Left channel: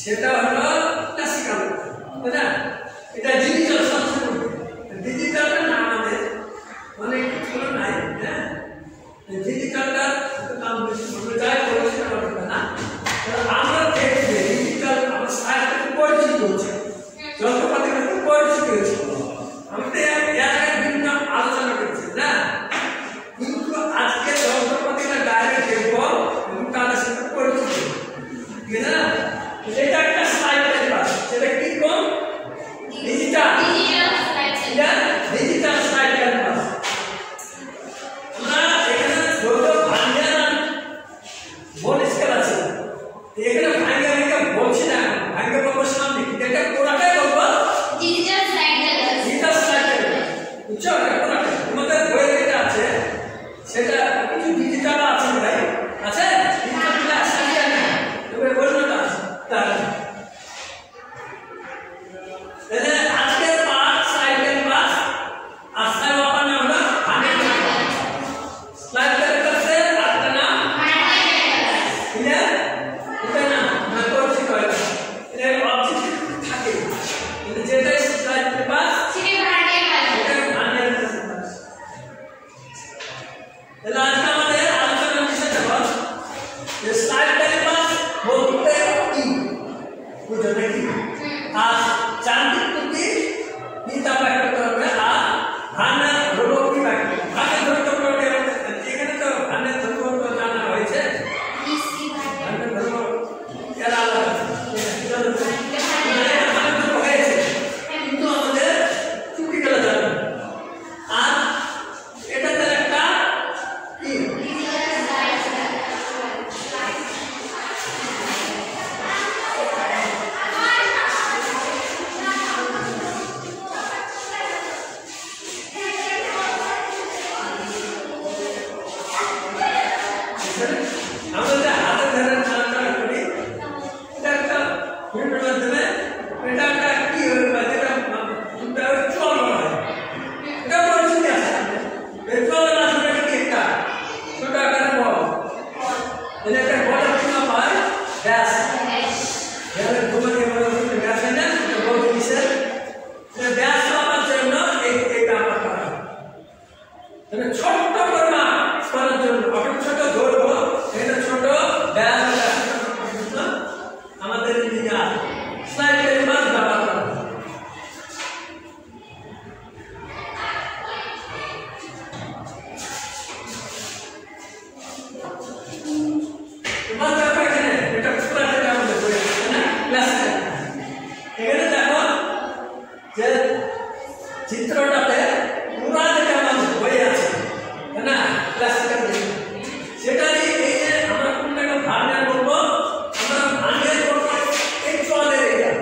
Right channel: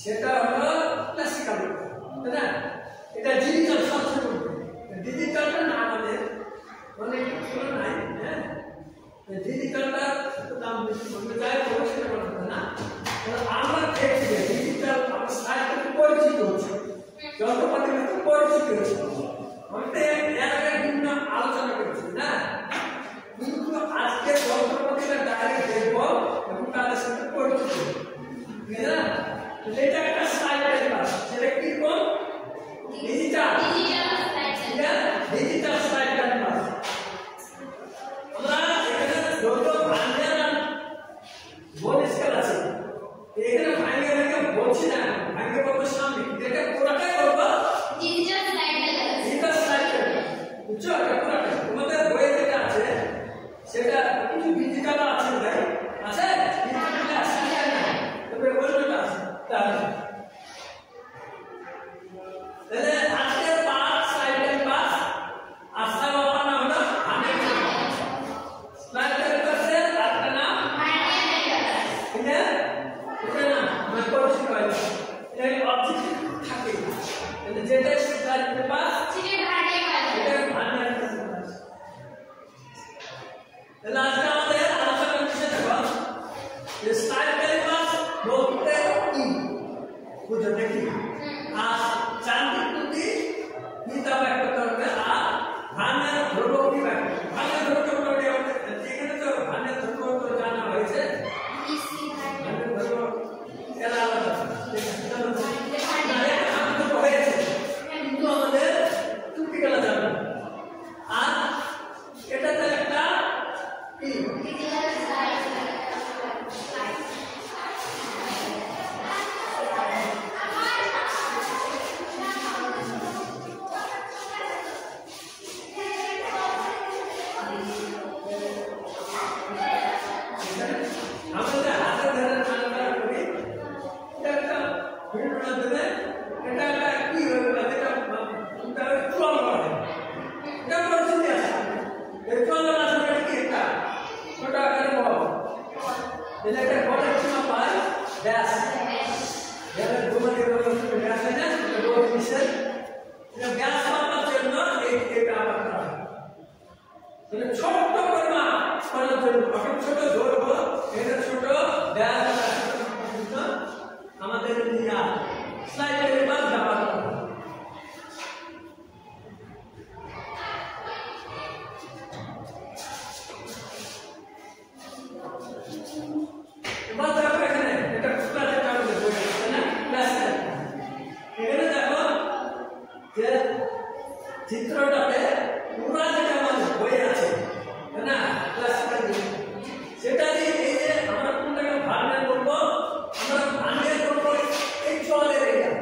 সেটা হলো ক্লাসিক্যাল, তাই না? এটা ডিজিটাল সবচেয়ে বলবে, ডিজিটালটা না আমাদের অনেক কিছু নাই। হ্যাঁ, ডিজিটালটা দাম বেশি বলে যায় বলে সেটা বলবে না। আমরা দেখছি ডিজিটাল আমার সাথে পরিচিত হচ্ছে, যন্ত্রপাতির সাথে পরিচিত হচ্ছে। আমি তো এর বিভিন্ন আলোচনা করেছি না, কিন্তু আজকে যন্ত্রপাতিটা ডাইরেক্ট দেখবো এবং তাদের সাথে পরিচিত, ঠিক আছে না? এটা একটা সাইকেল বাস, সেটা কি কোন ডিজিটাল ডিজিটাল সাইকেল বাস। আমরা এখানে যত ভাঙ্গা বোন স্কেল আছে, এখানে ভাঙ্গা ভাঙ্গা বলছি না, ভাঙ্গা বলবো সামনে, এটা পুরাটাই বলবো digital cycle bus. Digital cycle বুঝছো? এটা পুরাটা তোমাদের বইয়ে যেটা আছে সেটা কিছু ডিজিটাল আছে ভাই, আছে ডিজিটাল আছে না? তবে বললো না তাহলে আজকের পাঁচ সাইকেল বাস আসার বাপানা হলো সাইকেল বাসের আটটা নাম এটা এটা না না করছি কয় এর অবজেক্ট থাকে, মানে যেটা সাইকেল বাস সেটা ভান্ডার বাস। তাহলে আজকে আমাদের আলোচনার বিষয় দেখো যে সাইকেল বাস বলতে কি বুঝো নাকি? আর যান্ত্রিক ত্রুটি নিতা ব্যাখ্যা করতে হবে, আর ভান্ডার ধ্রুবক কি ব্যাখ্যা, ভান্ডার ধ্রুবক বলতে এখানে তো ভান্ডার ধ্রুবক তো জানা হয়েছে, ভান্ডার ধ্রুবক এর আলাদা হয়েছে, কিন্তু আমাদের ত্রুটি গেলে জানা। আর এটা তো একটা কি আমাদের হাতে ধরে চালাটা করি, এটা একটা ভিডিওর মাধ্যমে এটা একটা কি হবে, যেটা চল হয়, এটা পরিচিত আছে। এই চল মাধ্যমে কি একটা ছোট আকারে বল, এটা একটা বল কি হয় ব্যাস, এর ঘুমাতে বলে ব্যাস না, এটা বল কিসের, এটা ব্যাস মাপার জন্য এই কাজ করা হয়। মানে ছোট পরিমাণ করার জন্য অনেক ছোট ধরবো, এটা ছোট ব্যাস আমাদের ইঞ্জিনিয়ার সাইকেল বাস ব্যবহার করা হয়। তোমার দেখো এখানে এটা পুরো যেটা আমাদের বই আছে না ক্লাস, এখানে দেখো যে চিত্রটাতে পুরো যেটা আমাদের বই আছে না ক্লাসিক্যাল, সেটা এই যে আমরা কোনটাকে ভাঙা বলবো, আমরা ভাঙে বলবো এই চলের এটা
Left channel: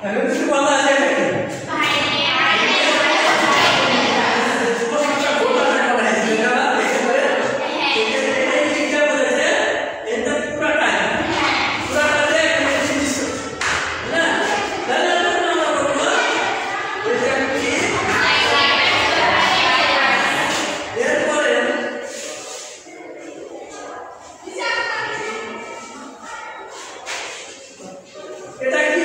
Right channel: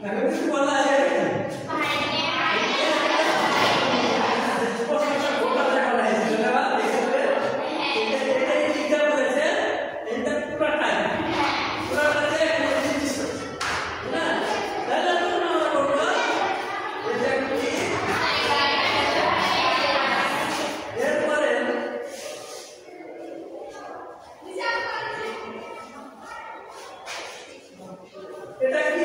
এখন কিছু বলা আছে এটা কি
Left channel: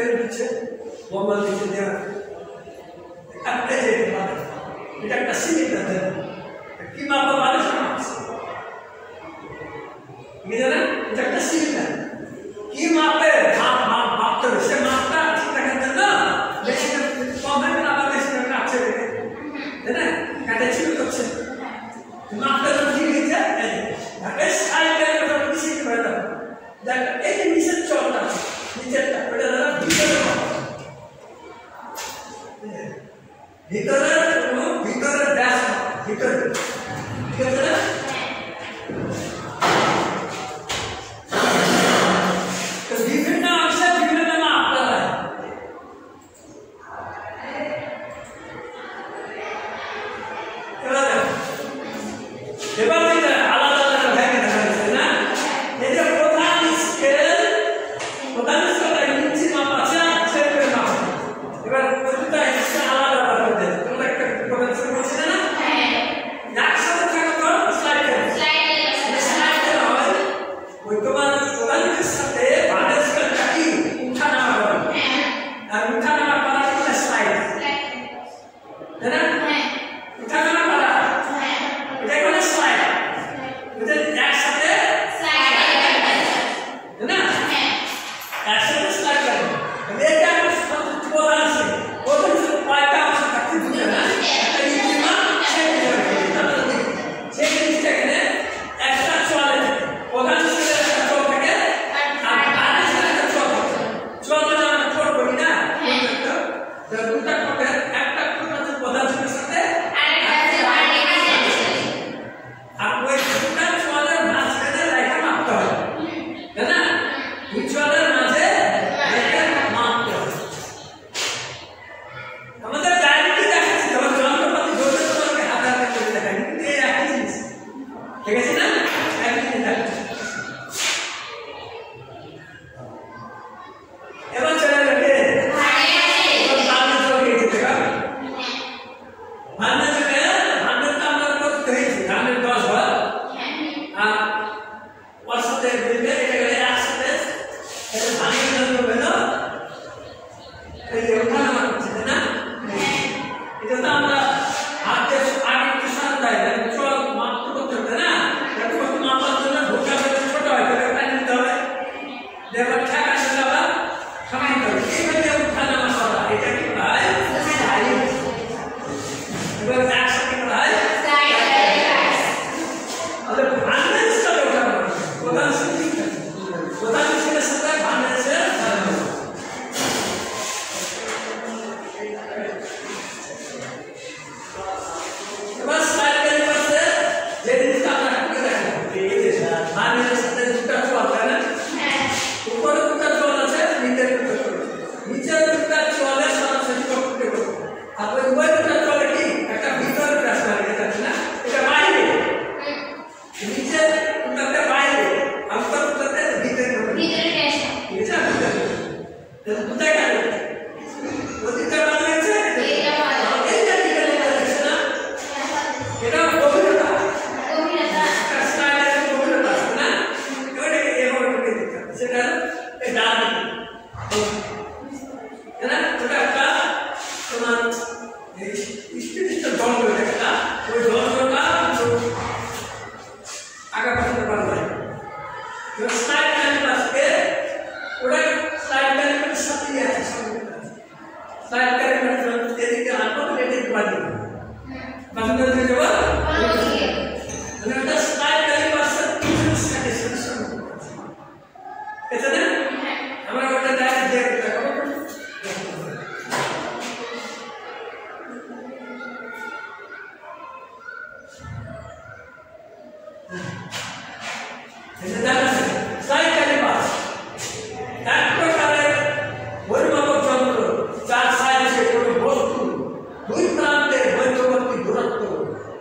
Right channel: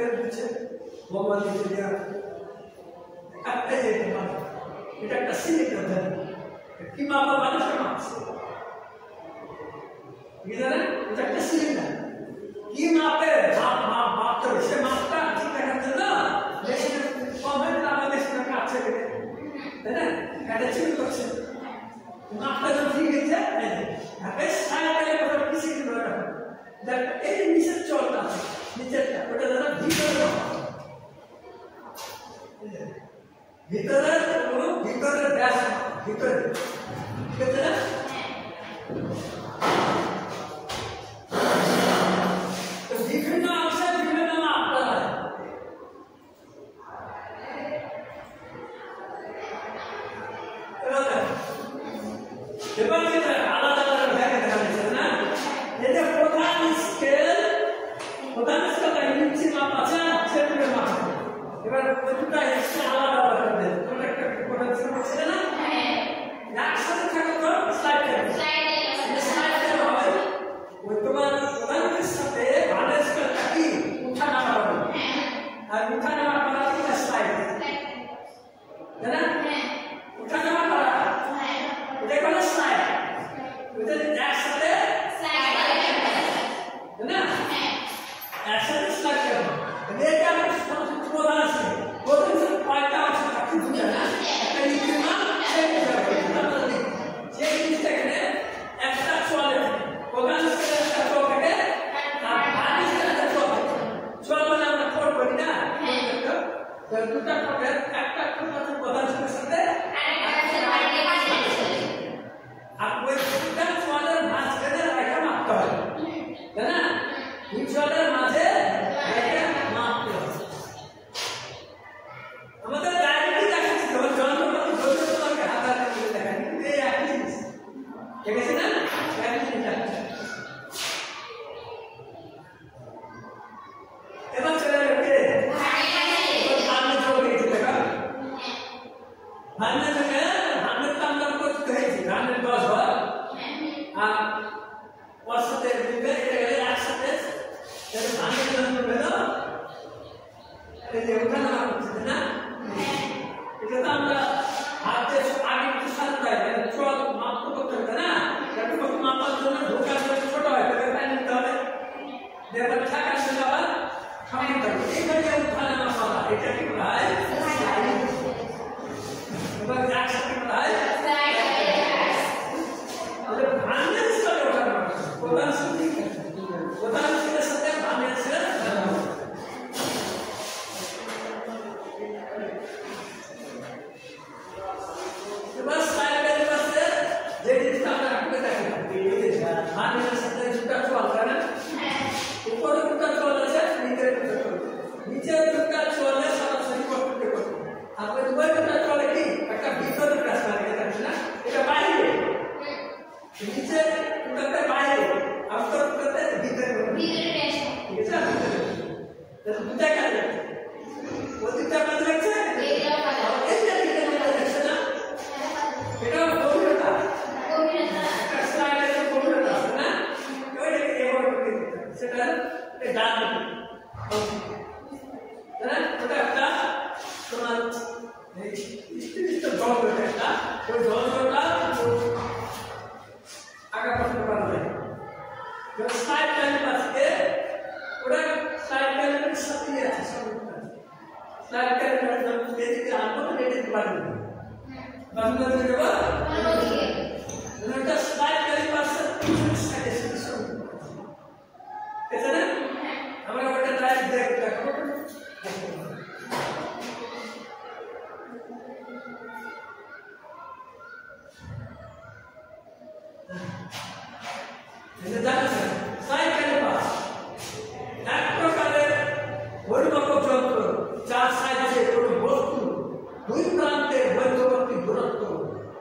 Yeah.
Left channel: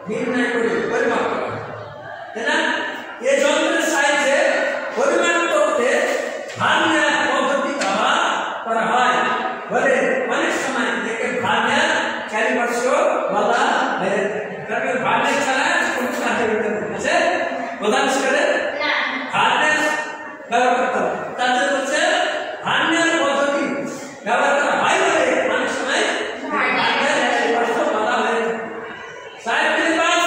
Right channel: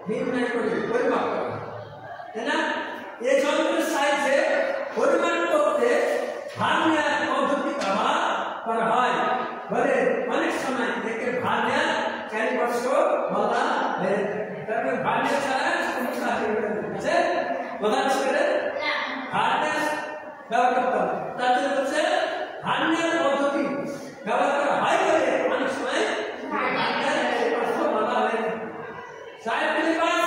নির্ণয় করে পরিমাপ করা, তাই না? এই যন্ত্রের সাহায্যে পরিমাপ করতে ভার্নিয়ার পদ্ধতি ব্যবহার করা হয় বলে অনেক সময় একে ভার্নিয়ার ক্যালিপার্সও বলা হয়ে থাকে। কারণ ভার্নিয়ার ছাড়া কোনো কাজ করতে আছে প্রধান করে ভার্নিয়ার ব্যবহার করতে হবে। তাতে হচ্ছে ভার্নিয়ার পদ্ধতি ব্যবহার করা হয় বলে অনেক সময় ভার্নিয়ার ক্যালিপার্সও বলা হয়ে থাকে। সাইড ক্যালিপার্স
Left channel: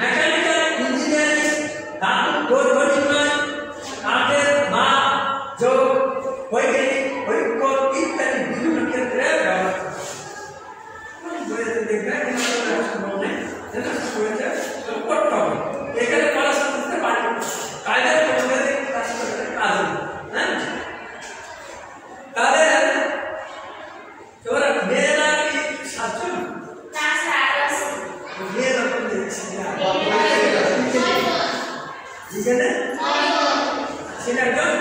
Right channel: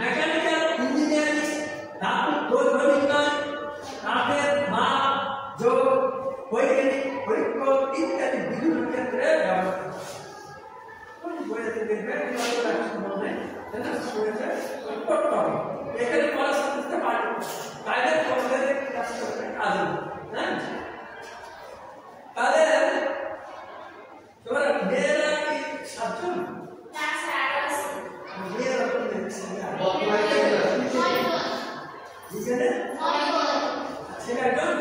মেকানিক্যাল ইঞ্জিনিয়ারিং ধাতু দৈর্ঘ্য নির্ণয়, কাঠের মাপ, যোগ, বৈজ্ঞানিক পরীক্ষণ ইত্যাদি বিভিন্ন ক্ষেত্রে ব্যবহার করা হয়। বইতে দেখবেন সম্ভব নেই, করতে হবে। এখানে পড়াশোনা করতে পারি কাজের কাজ হ্যাঁ। তাদের তোমরা মেয়েরা কি সাতজন? মেয়েরা যেখানে সেটা একজন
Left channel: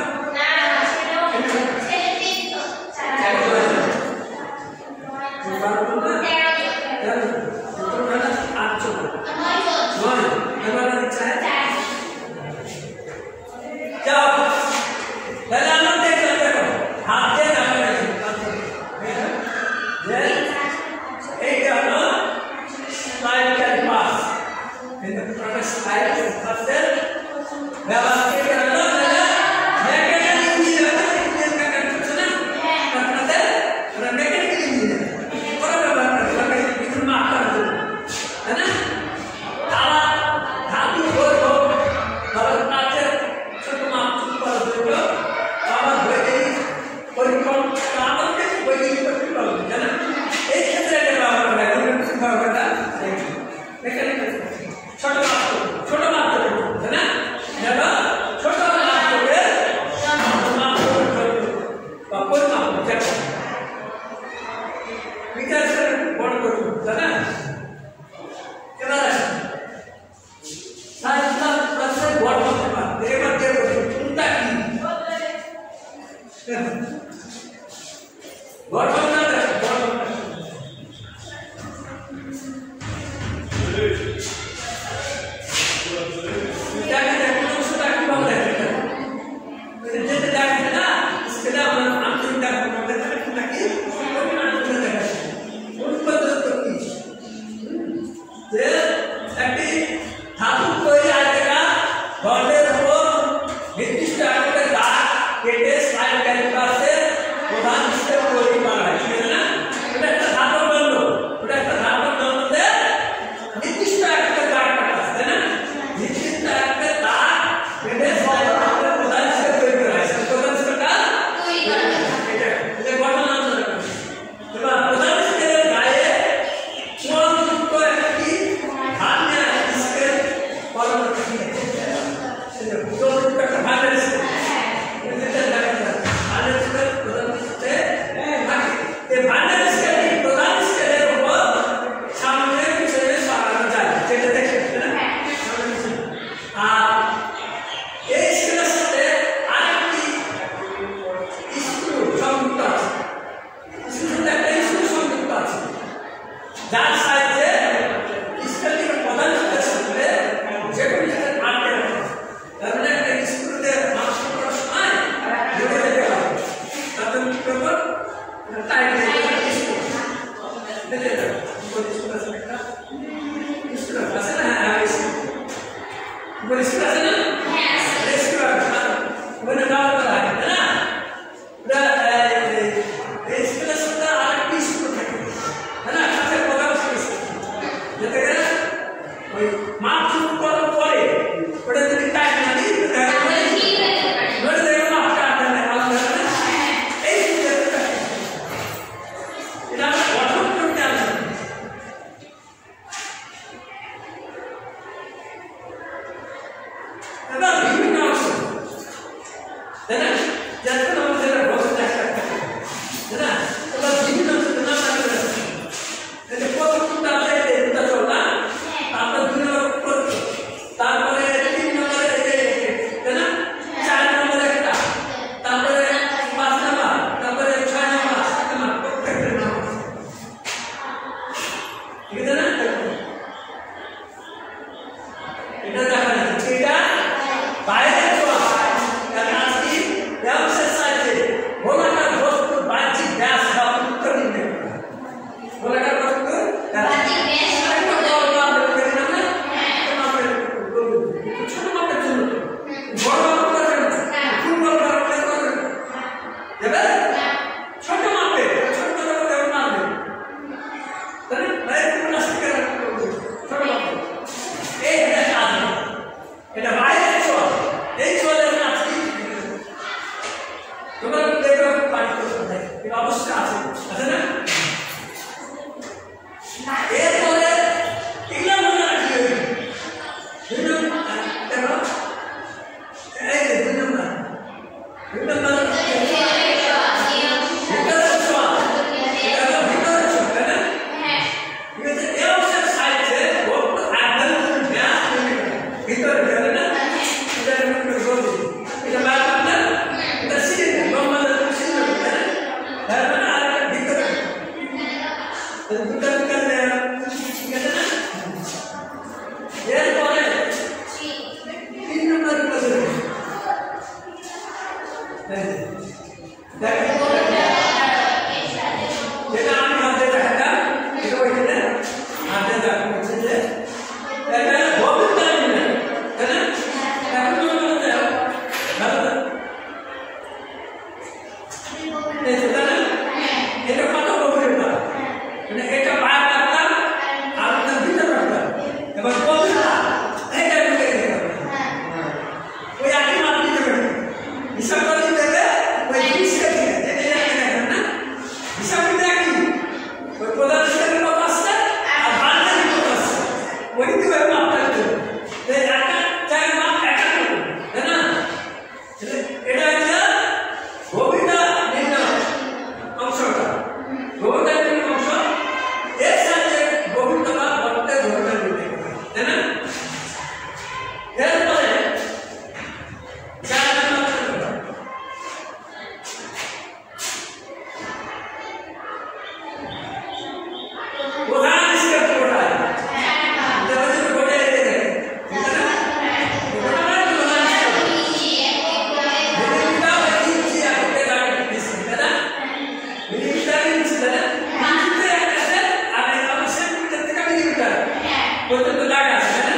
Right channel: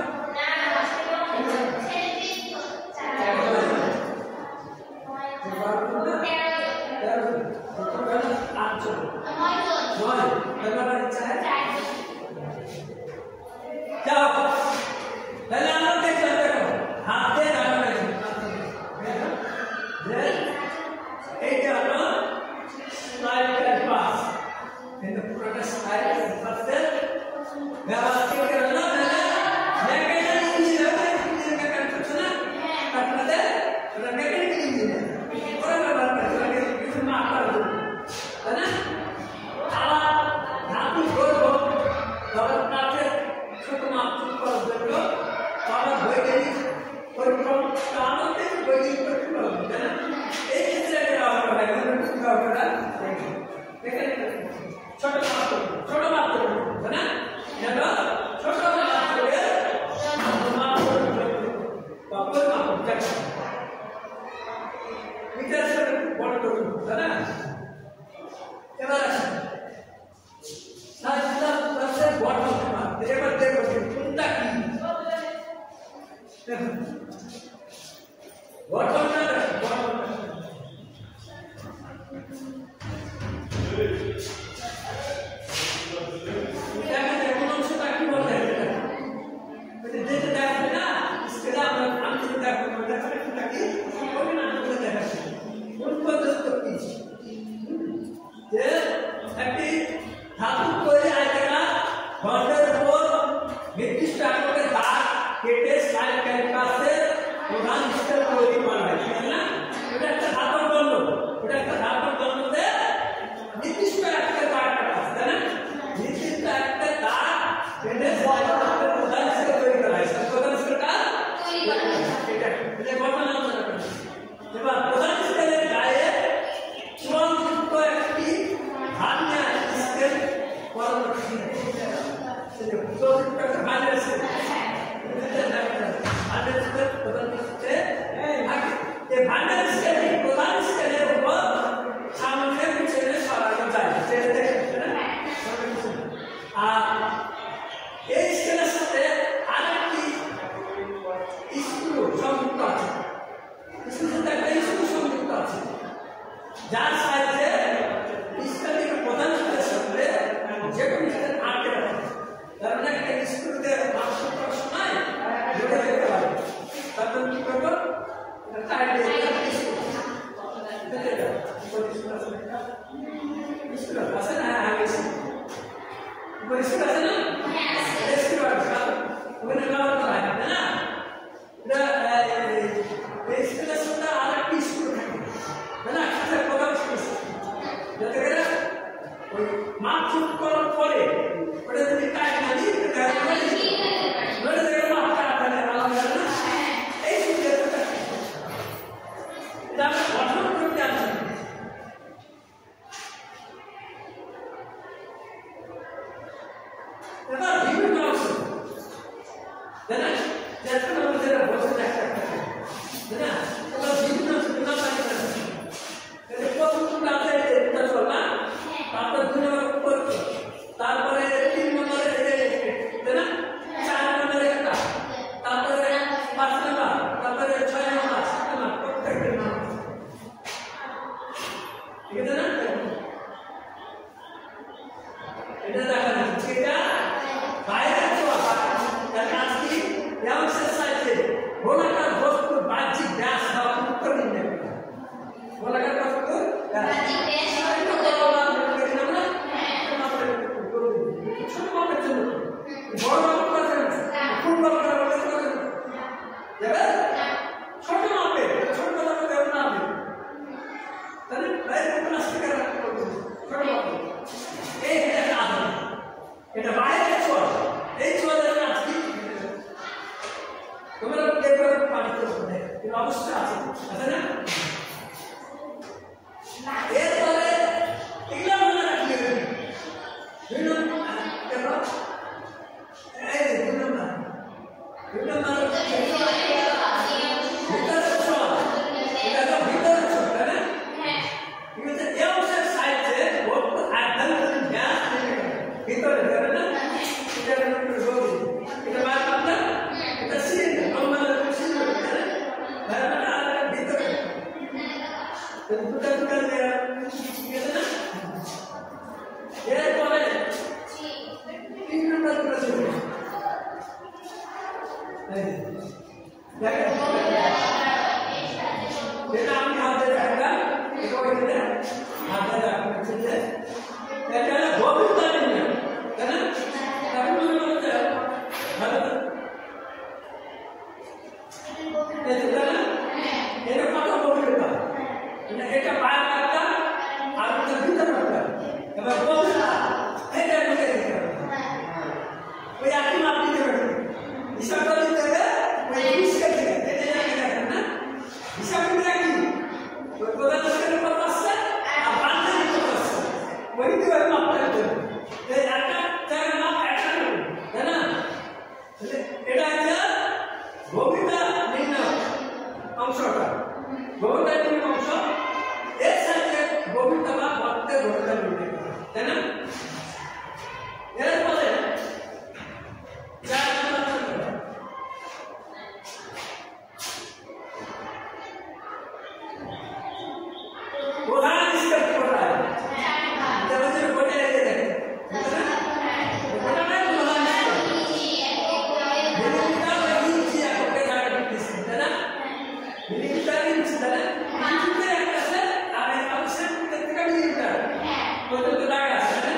পর্যন্ত লাগা আছে না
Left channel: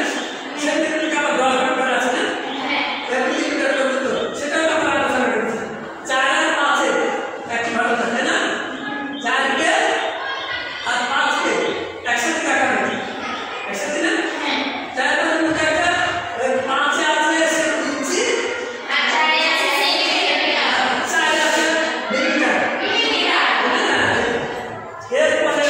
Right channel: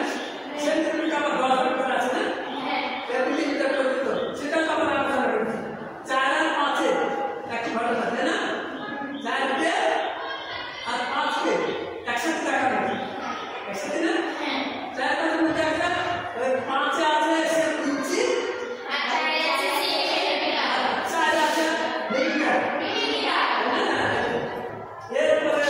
সেন্টিমিটার আবার 10 ভাগ করে আছে না মিলিমিটার পর্যন্ত সেটাও আমরা আলোচনা করেছি 4 আর 5 এর একই ভালো থাকে না 4 কে আর 5 কে একসাথে রাখা হয়েছে একসাথে না 4 5 মিটার 5 এ আছে সে ইঞ্চি আর 4 এ আছে সেন্টিমিটার 4 আছে মিলিমিটার এরপরে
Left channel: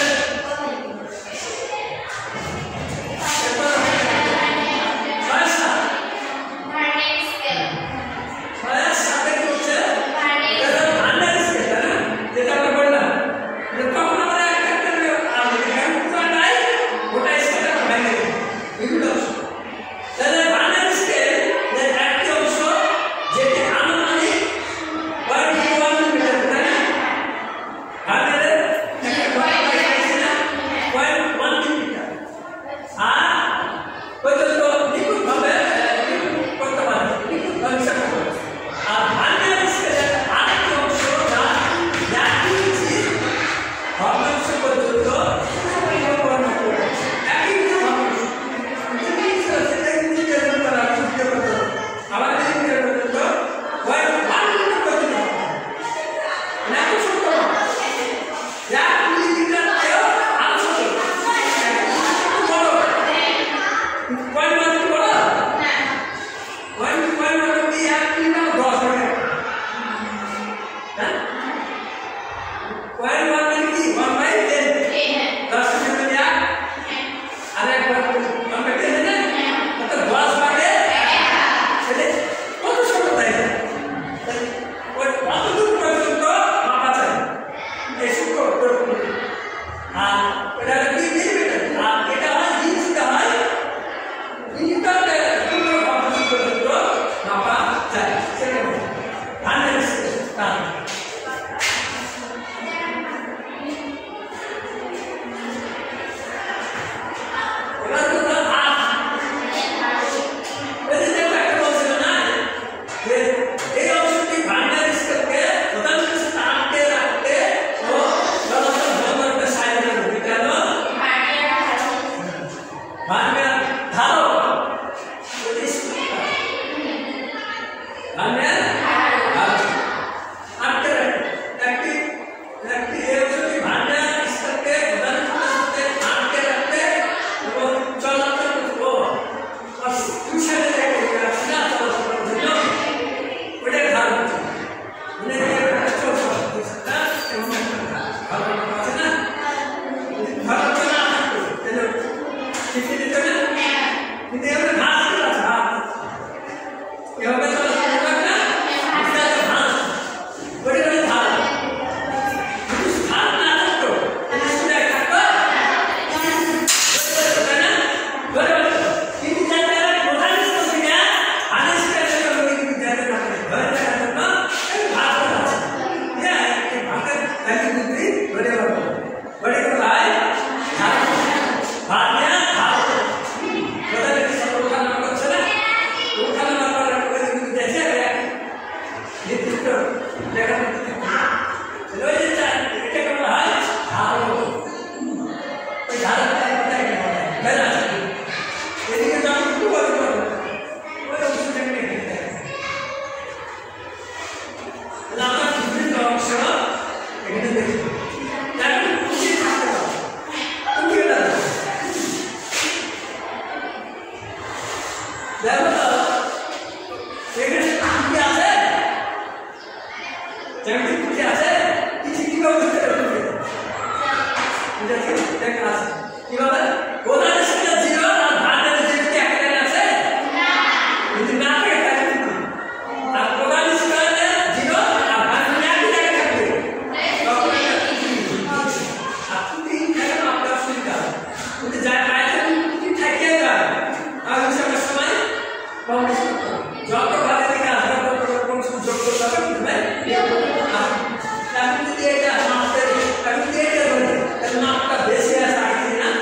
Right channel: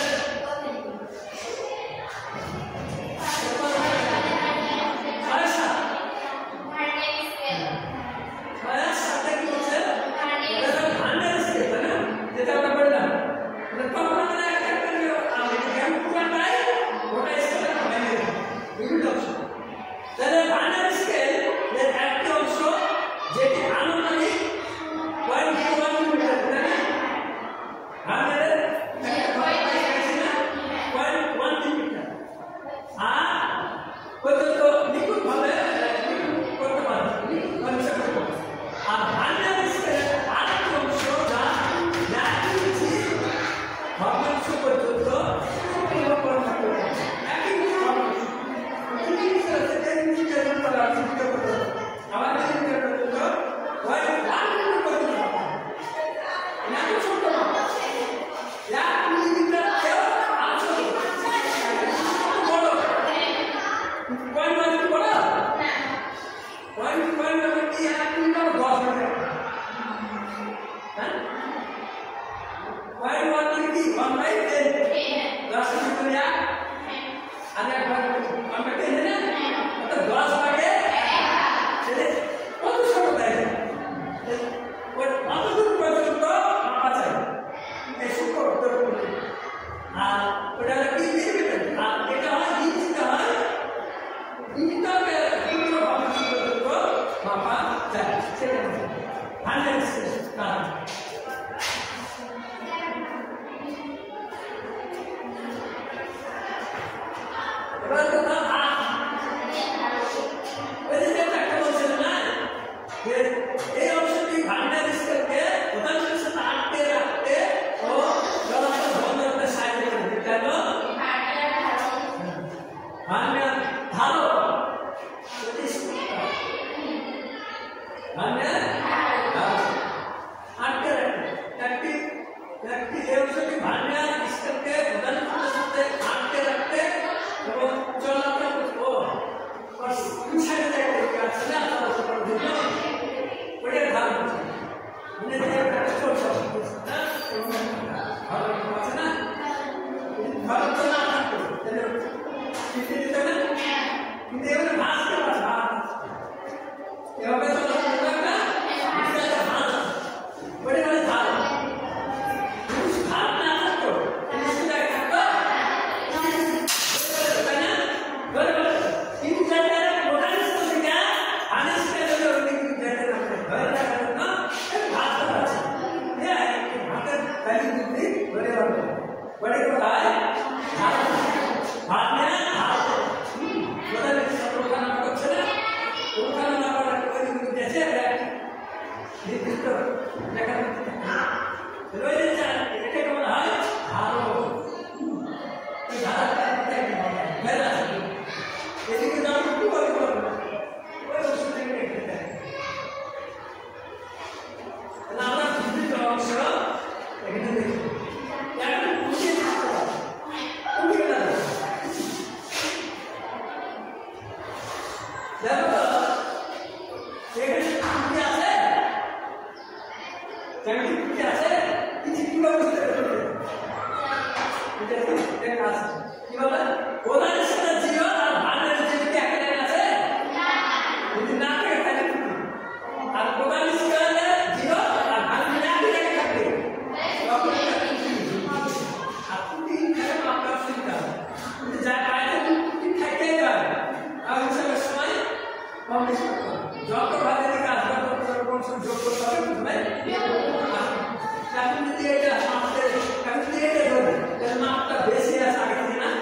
Tapi dia ada master, tapi dia ada dulu. Dan makta besi ya saat ini, nah.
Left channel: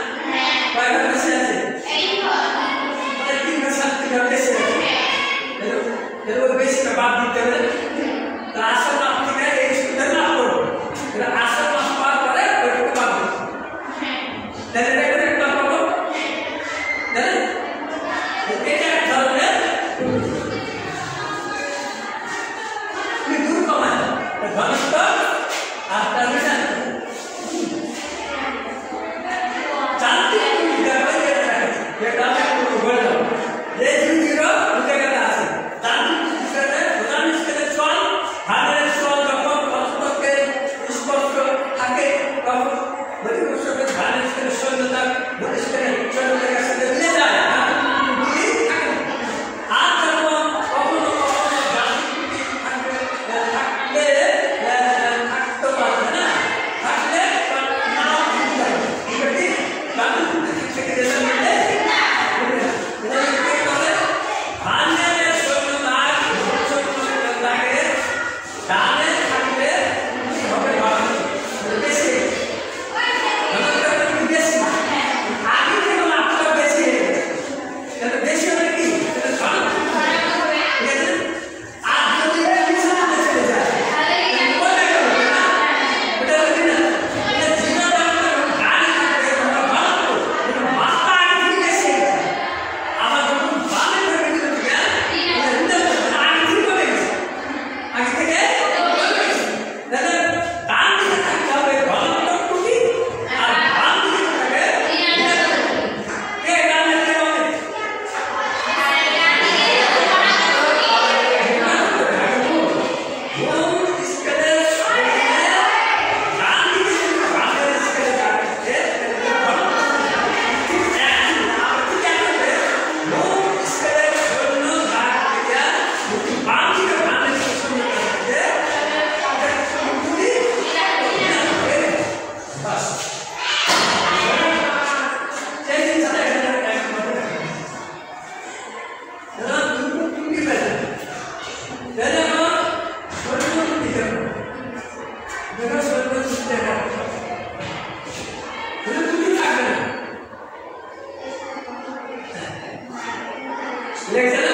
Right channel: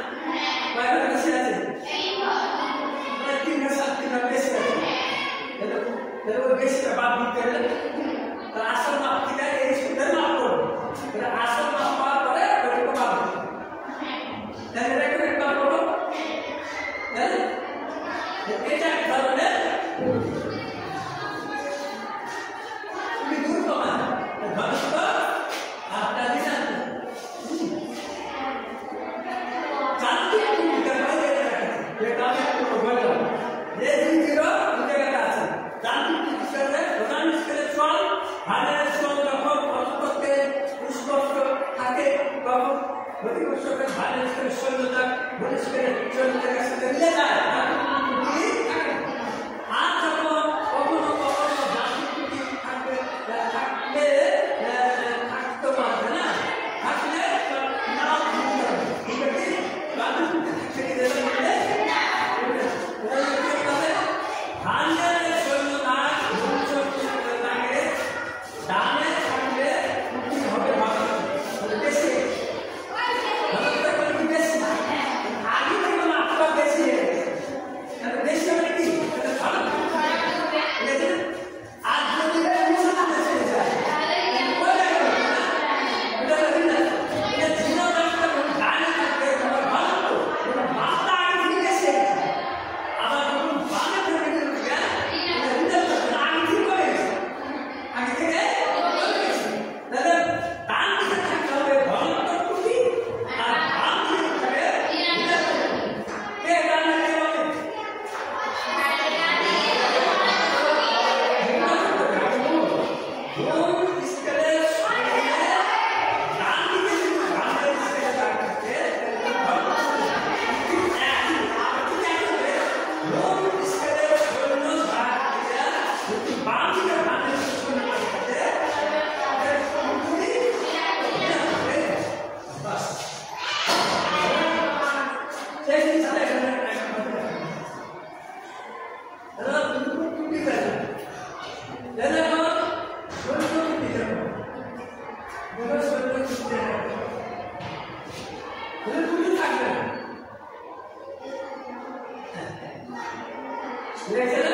লেগেছে না?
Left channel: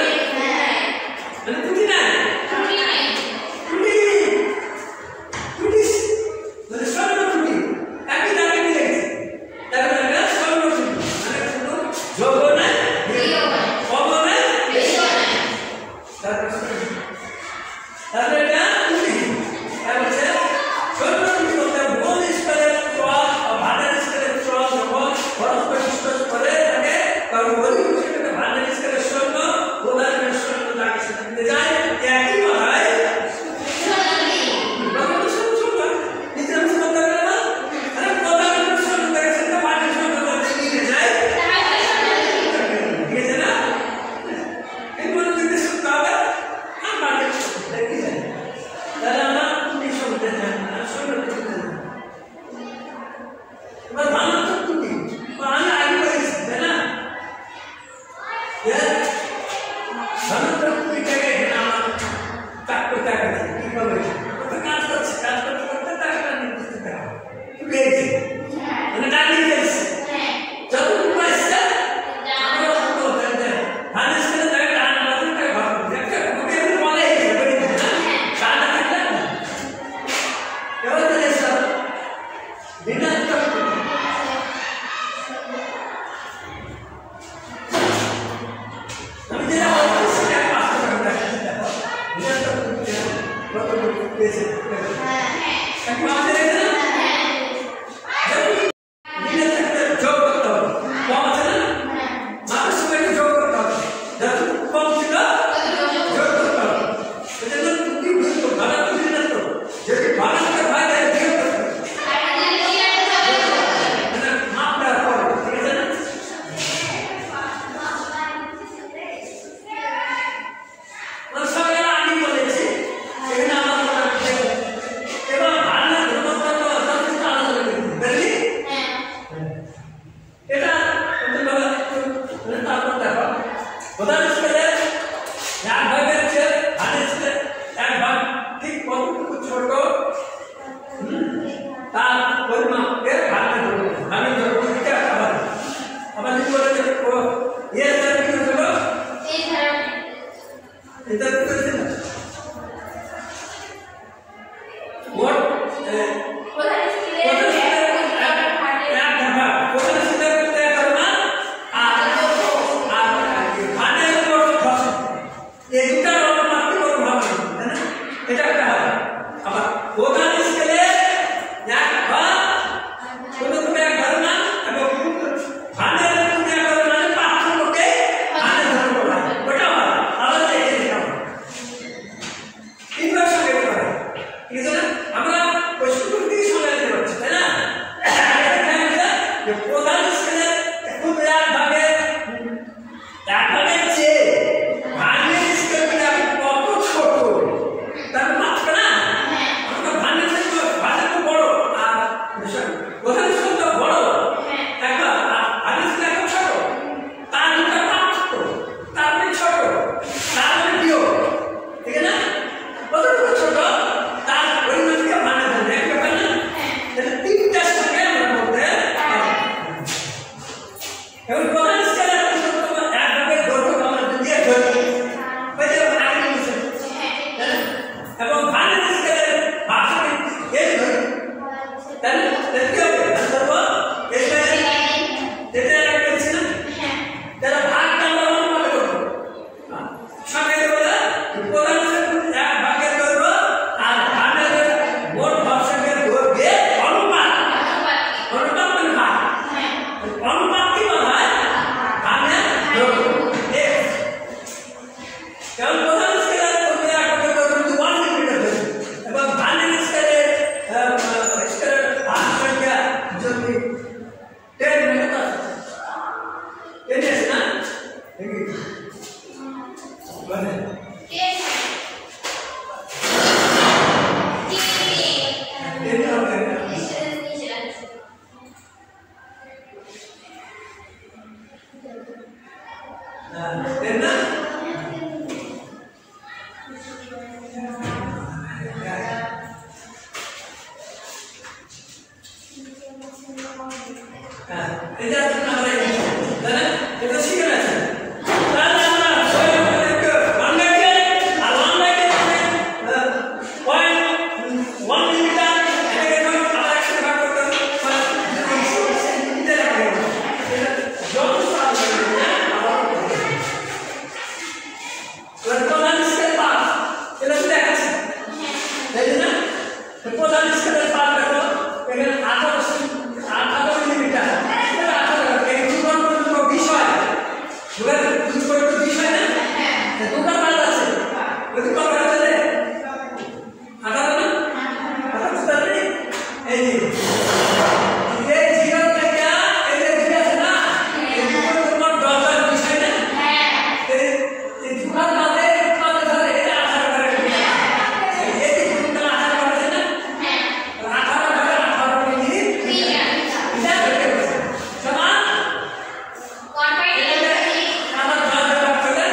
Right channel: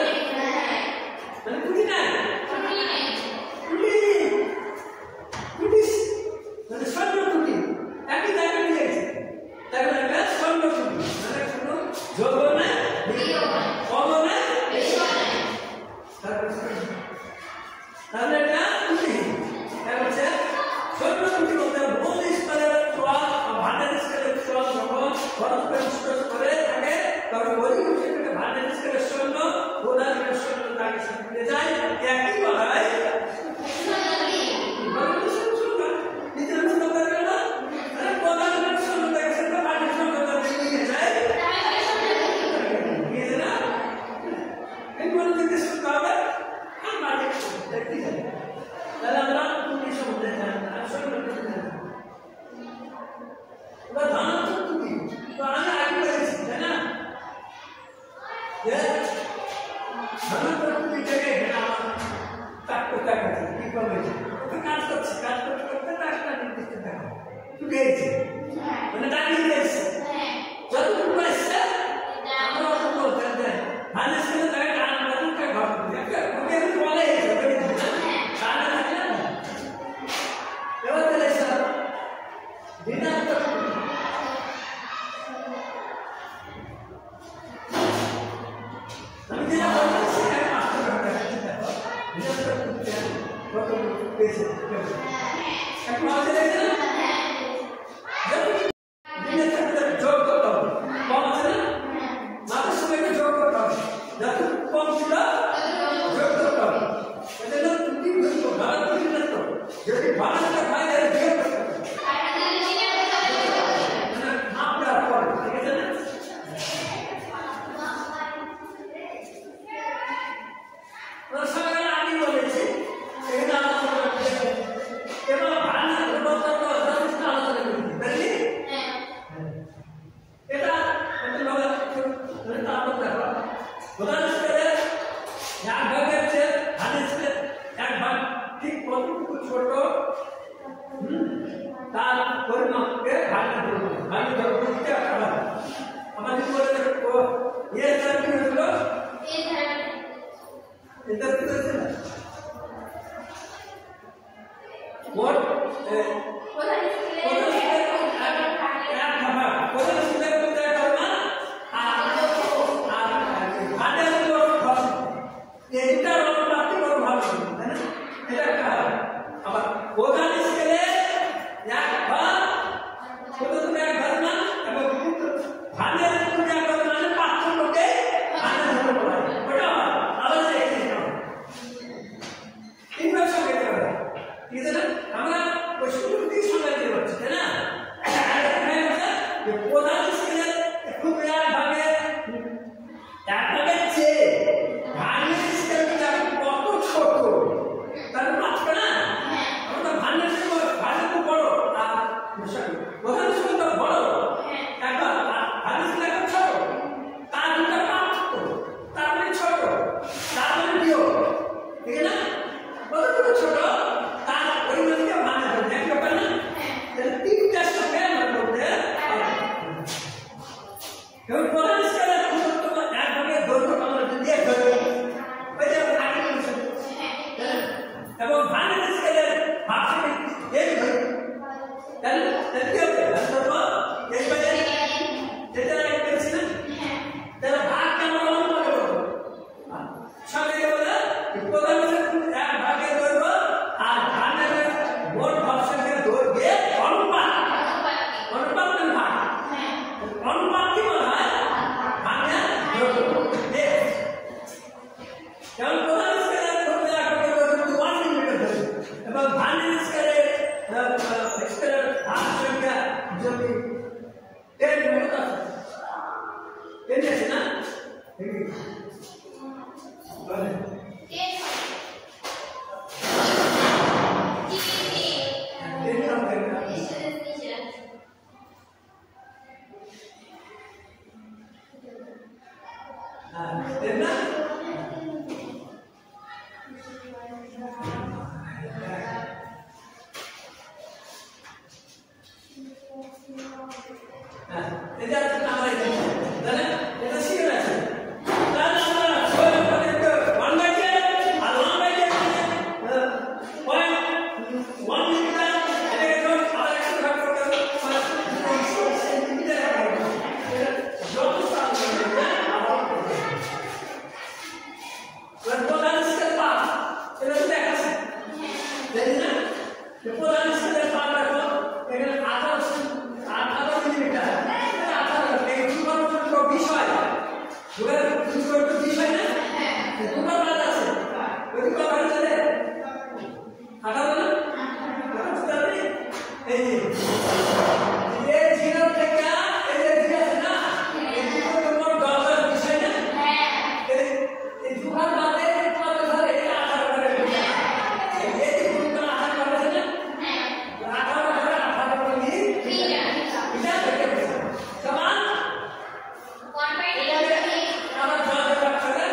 মানে ত্রুটি নাই, ত্রুটি মানে স্বর্ণ ত্রুটি, একই জায়গায় কি লেগেছে? তার মানে এটা স্বর্ণ ত্রুটি, মানে কোনো যোগ নাই, কম নাই, তাহলে এটা ত্রুটি। তার মানে স্বর্ণ ত্রুটি বলতে মূল স্কেলের ক্রস বা ভান্ডার স্কেলের ক্রস যখন পরস্পর স্পর্শ করে থাকে তখন বলি সেটাকে ভান্ডার স্কেলের স্বর্ণ প্রধানের স্বর্ণ তাকে সাথে মিলে যায়, একই কথায় এটা শিখে গেছেন। তাহলে আমরা দুবার দুই করে তো 20 হয় না? দুবার কাজ আছে। ওই দুবার কাজ আছে। 18 না? 18 তাহলে এই যে এই জিরো থেকে এই যে জিরো আছে না? এই দুটো তোমার 10 আর 20 হয় না? এই দুবার কাজে কত ধরে এটা 18 করে। এই কি কোনটা 18 করে না? 18 ভাগে 18 মিলি 3 এটা করতে হবে। সমান 1/8 আবার ভাগ করলে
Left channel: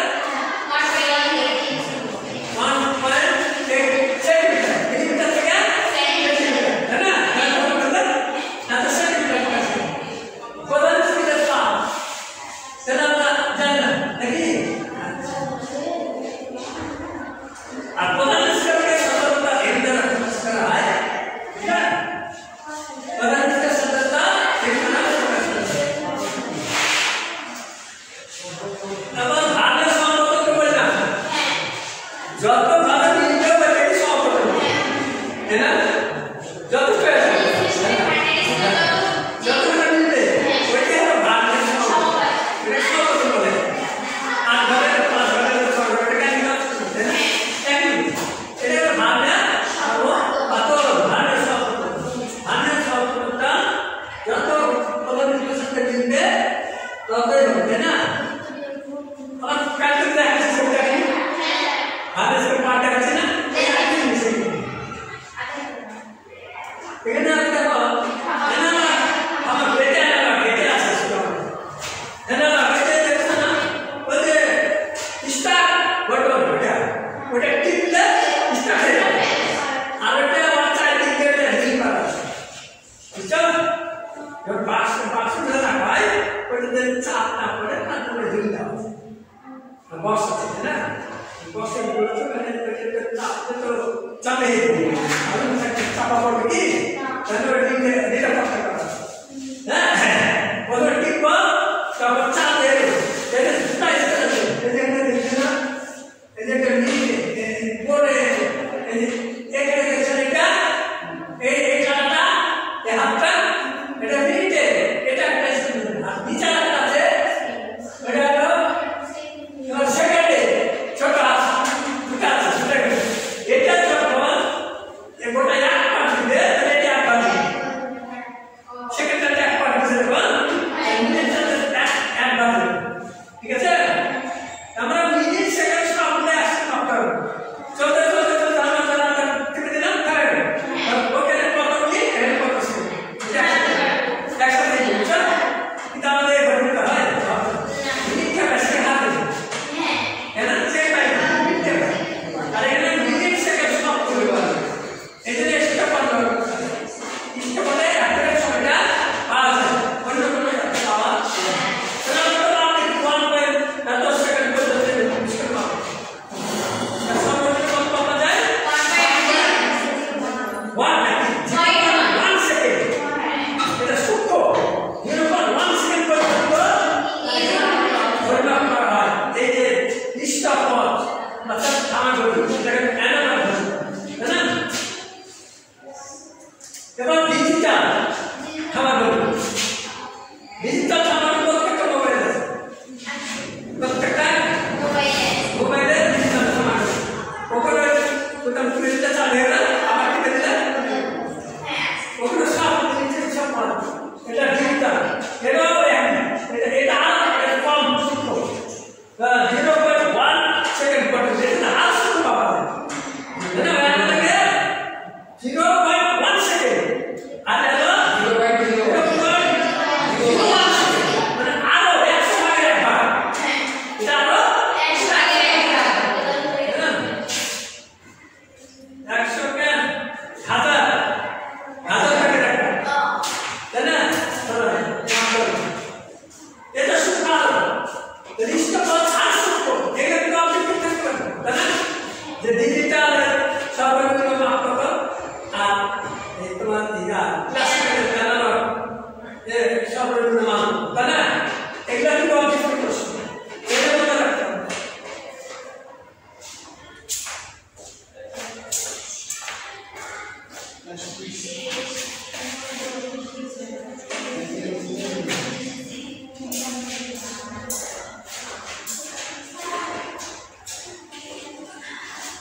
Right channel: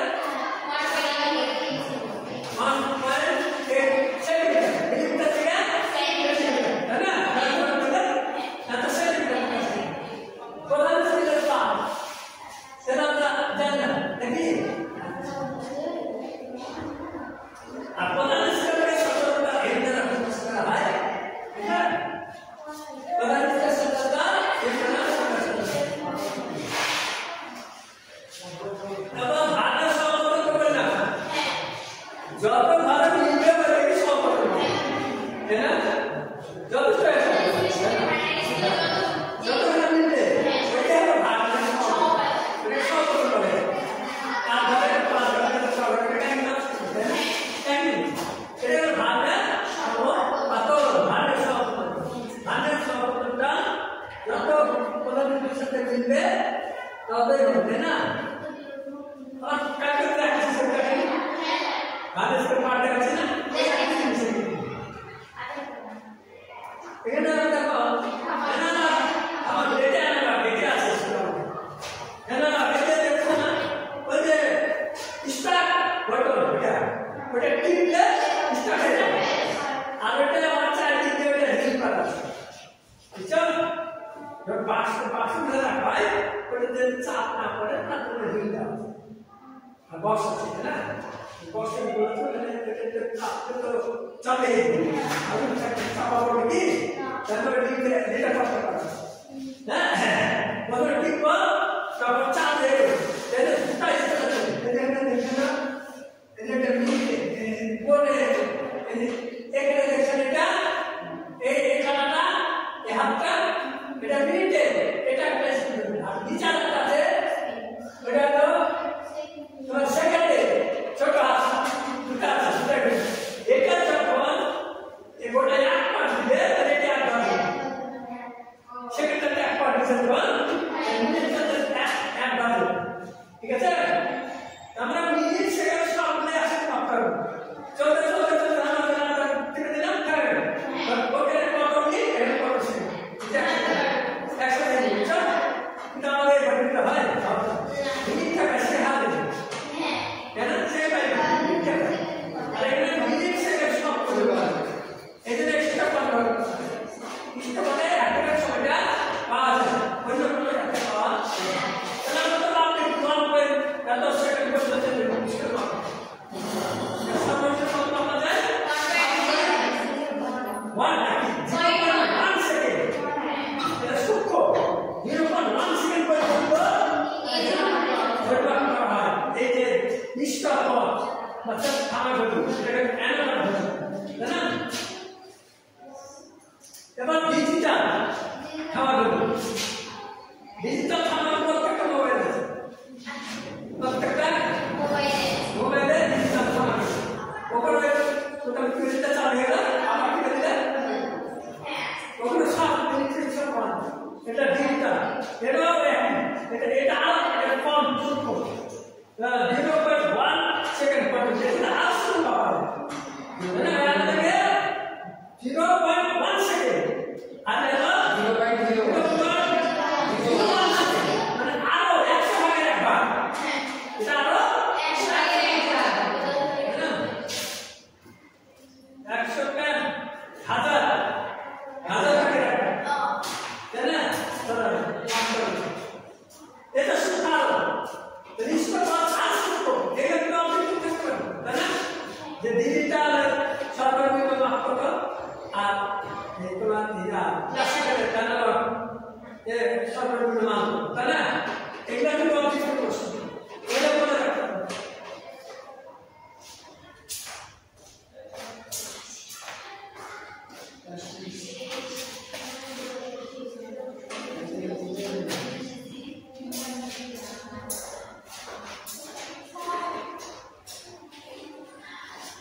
0.1 সেকেন্ড পরে যেটা আসল পাওয়া যায়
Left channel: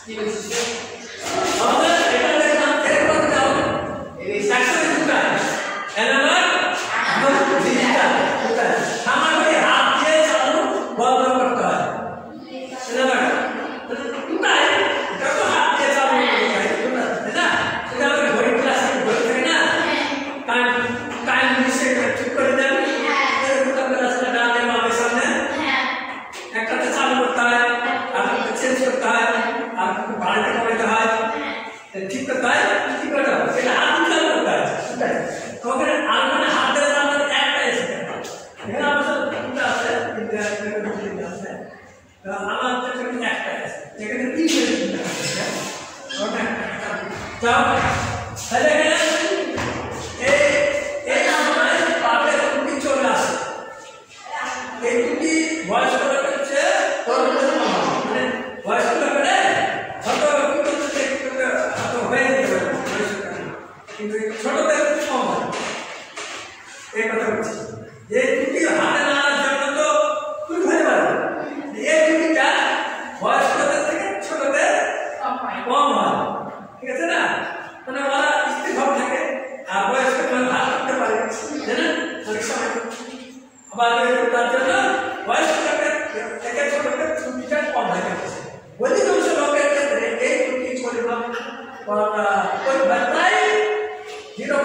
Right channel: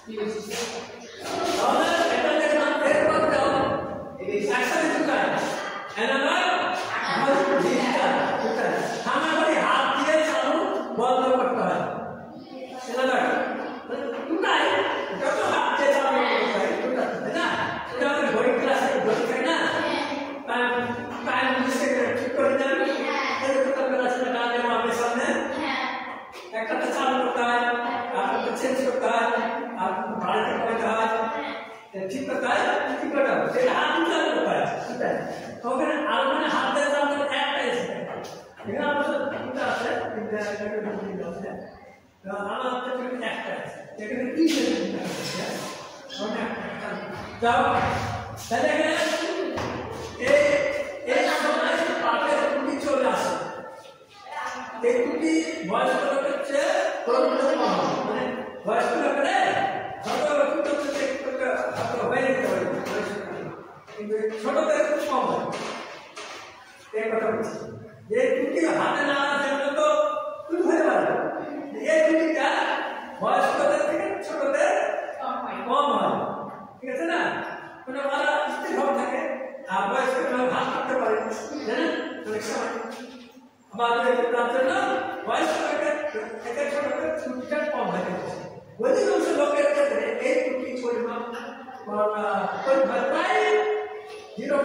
আমাদের এটা দেখলাম এরপর দাও এই একসাথে দুটা এনার ডিজিটাল দুটা সামনে হাত দিয়ে চালানো বন্ধ করতে হয় এনার দুটাই এটা তো হাত দিয়ে চালানো হয় দুটা তাই না সেটা আমাদের ঘড়ি ক্লাসে ঘড়ি থাকে না টাইম মিশে ঠিক করে দেন এরকম ক্লাসে ডানে বামে সামনে একটাতে চালু করতে হয় আরেকটা চেঞ্জ করতে হয় আর একটু বাড়াতে কমাতে হয় ঠিক করতে হয় ঠিক করতে হয় এটা হাত দিয়ে চালু করতে হয় সেটাই ওখানে আর মানে হাত দিয়ে চালানো একটাই আছে এখানে আমার দুটো আছে কিন্তু এখানে আছে আমার এখানে একটাই আছে এখানে তিনটে আছে ওটা যাও তাহলে এই সময় পাটের টুটি চলে আসে এই টুটি বয়স্ক লোকের চেয়ে মানে বয়স্ক লোকের হয়তো হয়তো হয়ে যেতে পারে কিন্তু ছোটদের খুব কম হয় এই কথা বলছি যে টুটি হাতে নাড়ার জন্য তো খুব হতে পারে এই টুটিটা বয়স্কদের থেকে ছোটদের কম হয় ঠিক আছে না মানে ওরা স্থিরভাব থাকে আর বয়স্ক হাত করতে পারে জানেন অনেক সময় আবার তার জন্য বয়স্ক লোকের থেকে ছোটদের ত্রুটিটা কম হয়ে গেছে অধিকাংশ লোকের ক্ষেত্রে এই ত্রুটির পরিমাণ প্রায় 0.3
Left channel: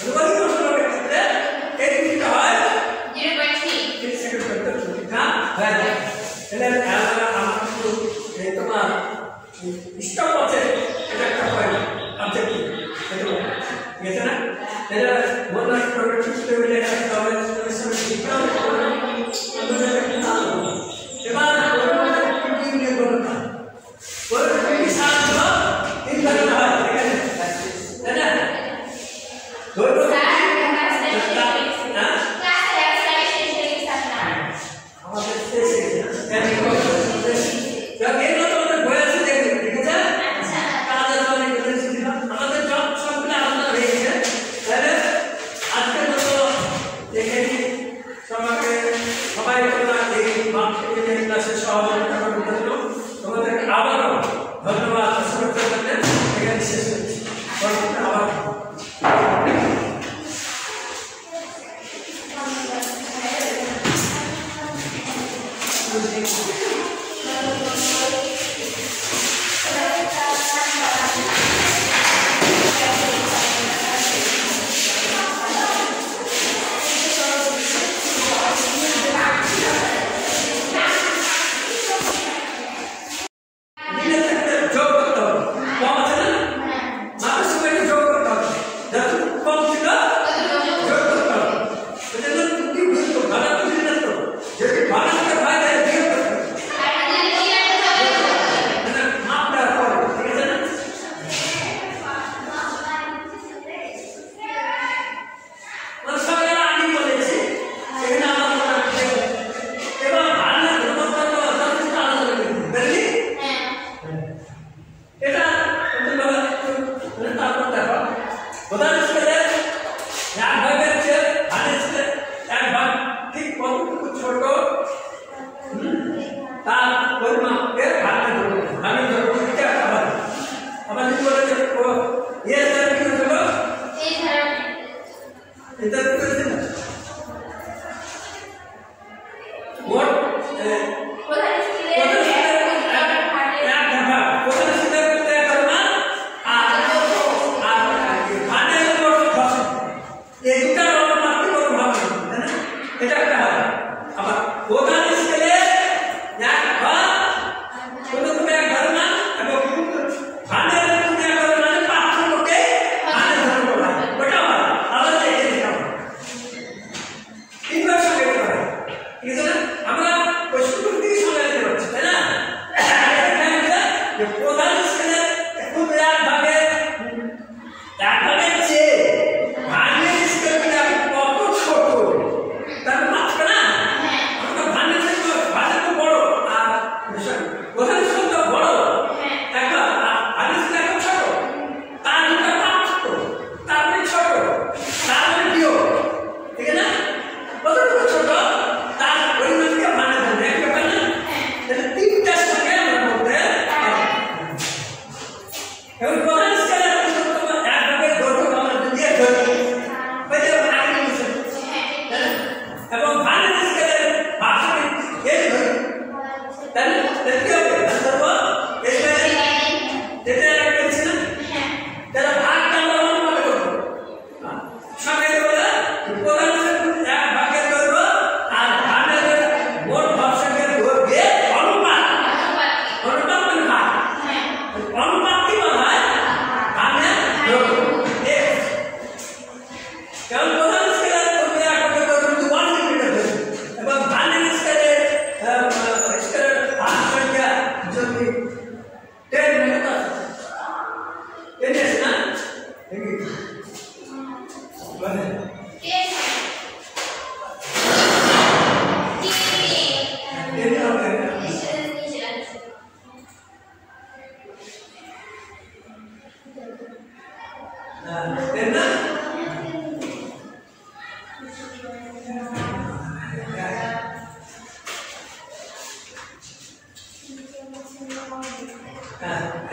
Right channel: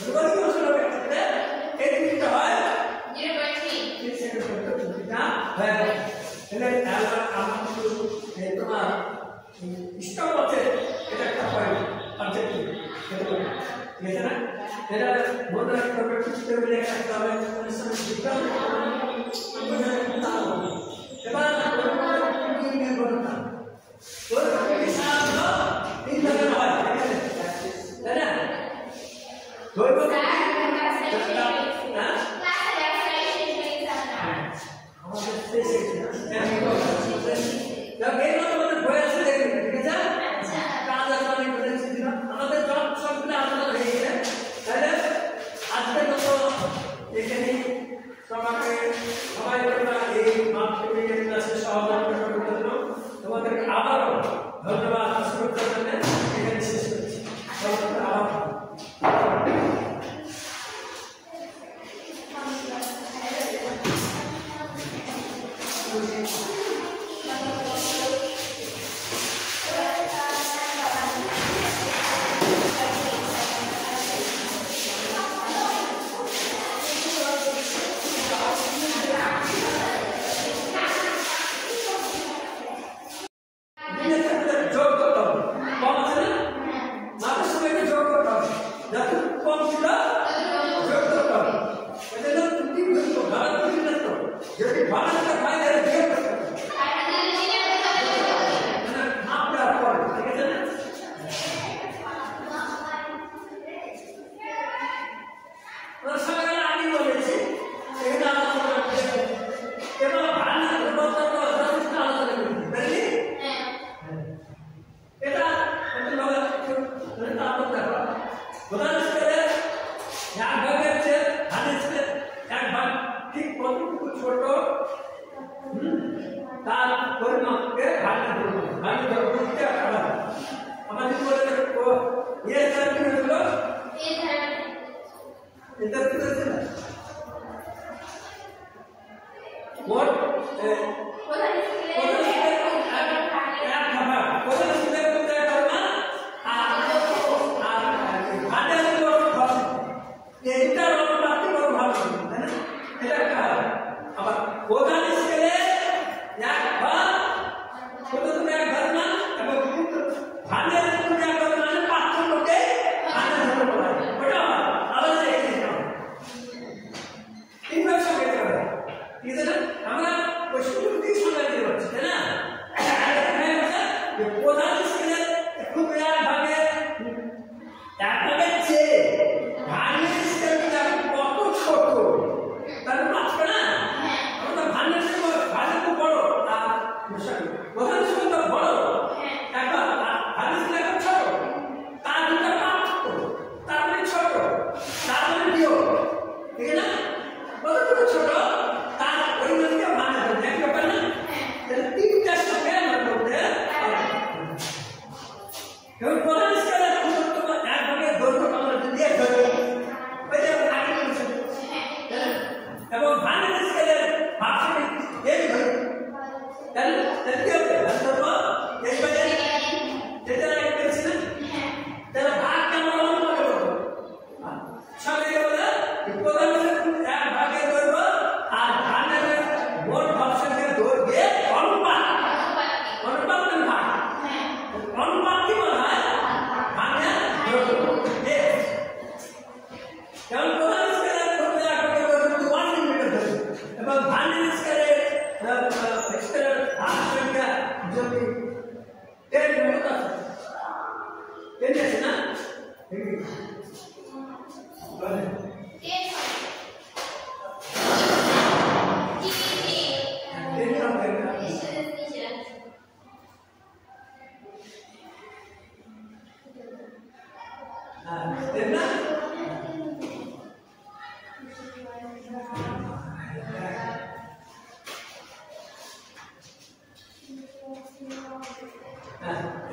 অধিকাংশ লোকের ক্ষেত্রে এই ত্রুটিটা হয় 0.3 সেকেন্ড পর্যন্ত ত্রুটিটা হয়ে যায় এটা আমার কিন্তু তোমার স্টপ আছে এটা একটা পয়েন্ট অবজেক্টিভ এটা গেছে না এটা বললো একটা ঠিক করে এটা তাহলে সময় দিতেও এবার কি নিয়ে বলতে ওর কি সাথে তিন ভাগে হয় ঠিক আছে তাই না ধরো আমাদের শেষে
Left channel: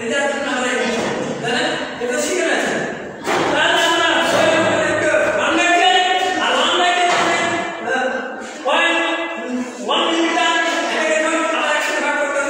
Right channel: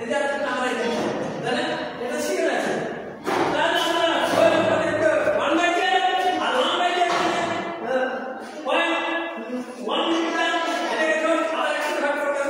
এটা আপনারা আমরা জানেন এটা শিখে রাখছেন তাহলে আমরা স্বয়ং একটা ওয়ান লাইকে আর ওয়ান লাইকে পয়েন্ট 1 মিলিমিটার এটাকে আমরা একসাথে ভাগ করতে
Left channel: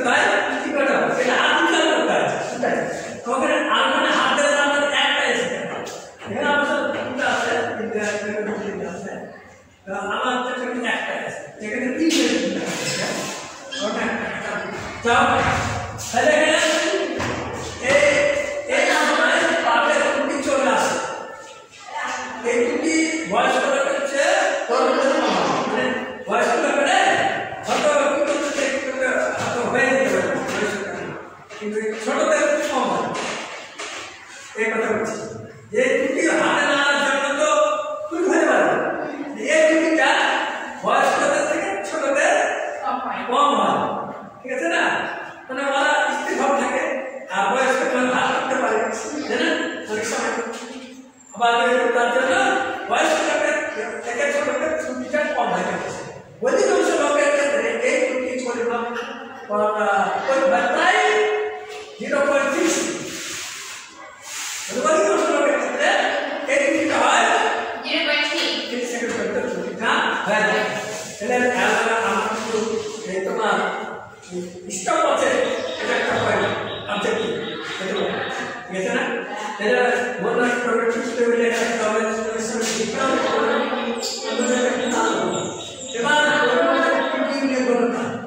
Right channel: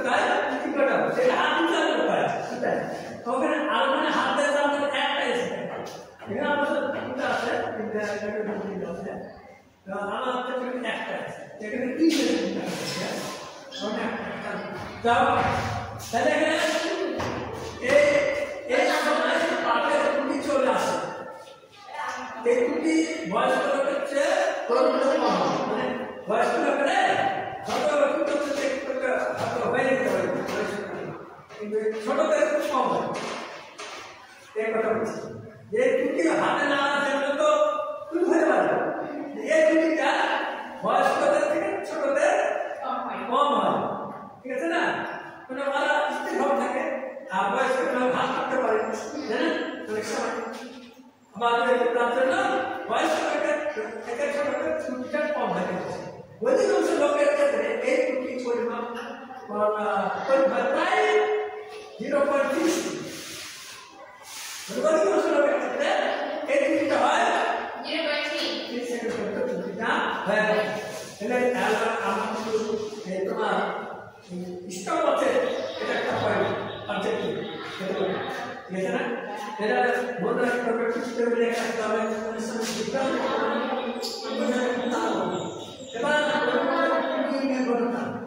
করতে হয় কি করতে হবে এটা হাত দিয়ে করতে হয় সেটাই ওখানে আর মানে হাত দিয়ে আমাদের একটা এসে এখানে আমার সব তিনটা আছে তিনটা আছে আমার এখানে একটা আছে এখানে তিনটা আছে ওটা একটা যাও তাহলে এই আমাদের পাপে দুটি চলে আসে এই দুটি বয়স্ক লোকের চেয়ে মানে বয়স্ক লোকের হয়তো হয়ে যেতে পারে কিন্তু ছোটদের কম হয় এই কথা বলছি যে দুটি হাতে নাড়ার জন্য তো তুই হতে পারে এই দুটিটা বয়স্কদের থেকে ছোটদের কম হয় ঠিক আছে না মানে ওরা স্থিরভাব থাকে আর বয়স্ক হাত করতে পারে জানেন অনেক সময় আবার তার জন্য বয়স্ক লোকের থেকে ছোটদের ছুটিটা কম হয়ে গেছে অধিকাংশ লোকের ক্ষেত্রে এই ত্রুটি পরিমাণ প্রায় 0.6 অধিকাংশ লোকের ক্ষেত্রে এই ত্রুটিটা হয় 0.3 সেকেন্ড পর্যন্ত ত্রুটিটা হয়ে যায় এটা খেয়াল রাখা আমার কিন্তু এই তোমার স্টপ আছে এটা একটা পয়েন্ট অবজেক্টিভ ঠিক আছে না এটা মনে রাখতে হবে ঠিক করে লেখা হবে এবার ওর মধ্যে কি নিয়ে বলতে